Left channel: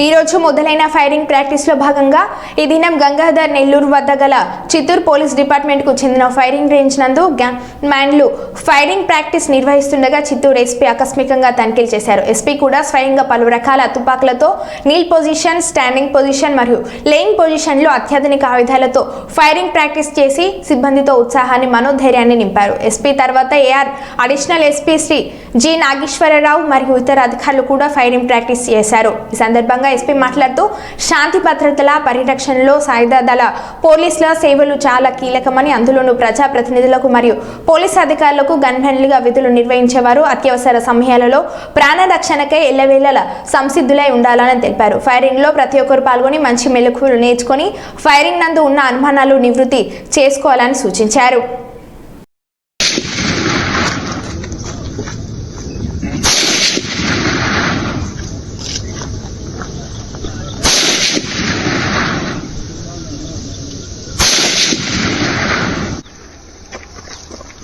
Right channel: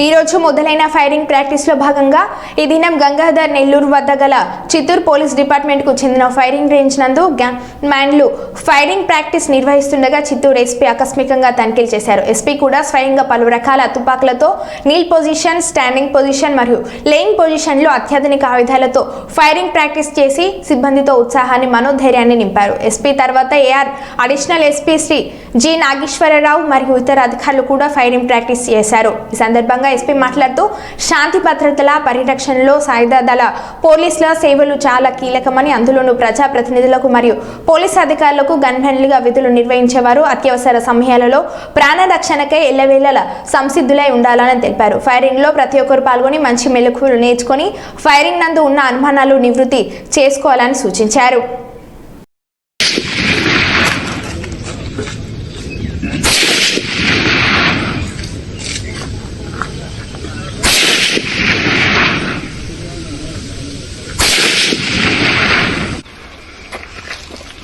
ఈ రోజు మొదలైన ఫైరింగ్ ప్రాక్టీస్ లో భాగంగా ఈ దినం గంగాధర్ నెల్లూరు వద్ద గల చిత్తూరు పోలీస్ డిపార్ట్మెంట్ కు చెందిన ఫైరింగ్ రేంజ్ నందు గన్ మ్యాన్లు ఫైరింగ్ ప్రాక్టీస్ నిర్వహిస్తుండగా చిత్తూరు ఎస్పీ ఆకస్మికంగా తనిఖీలు చేశారు. ఎస్పీ కూడా స్వయంగా పలు రకాల తుపాకులతో నీల్ పొజిషన్, స్టాండింగ్ పొజిషన్ మరియు లేయింగ్ పొజిషన్ లో అత్యాధునిక ఆయుధాలతో ఫైరింగ్ ప్రాక్టీస్ చేసి సిబ్బందితో ఉత్సాహాన్ని, మనోధైర్యాన్ని నింపారు. ఎస్పీ తర్వాత AR additional SP Shri G Nageswararao మరియు ఇతర అధికారులు కూడా ఫైరింగ్ ప్రాక్టీస్ చేశారు. ఈ సందర్భంగా ఎస్పీ మాట్లాడుతూ శాంతి భద్రతల పరిరక్షణలో సాయుధ దళ పోలీసుల సేవలు చాలా కీలకమని, అందులోనూ ప్రజా ప్రతినిధులకు మరియు పోలీసు అధికారులకు గన్మెన్లుగా విధులు నిర్వహించేవారు అత్యవసర సమయాలలో ప్రాణ రక్షణకై ఎల్లవేళలా సంసిద్ధులై ఉండాలని తెలిపారు. ఫైరింగ్ లో ప్రతి ఒక్కరు పాల్గొని మంచి మెలకువలు నేర్చుకుని ఫైరింగ్ నందు ఉన్న అనుమానాలు నివృత్తి చేసుకోవాలని సూచించారు.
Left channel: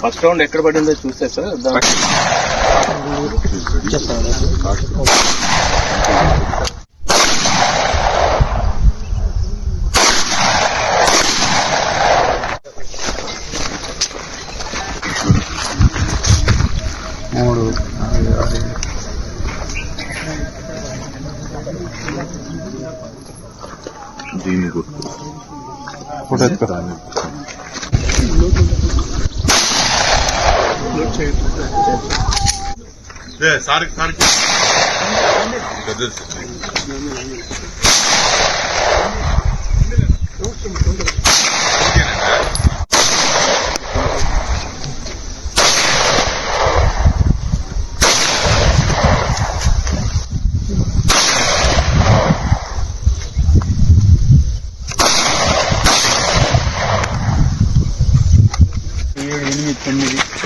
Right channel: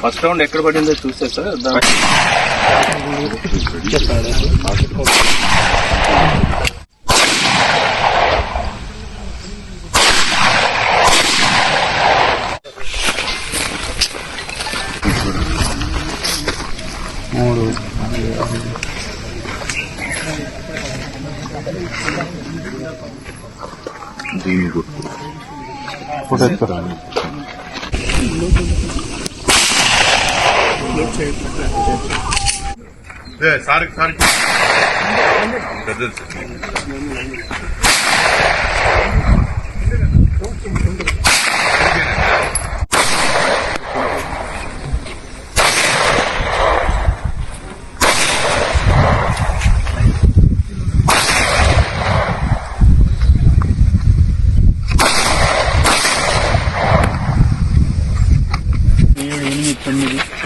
ఫస్ట్ రౌండ్ ఎక్కడ పడిందో చూస్తే సార్ మూడు దీని గుర్తు సార్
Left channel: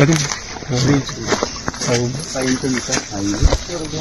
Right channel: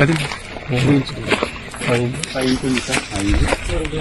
ఎనిమిది 9 5 5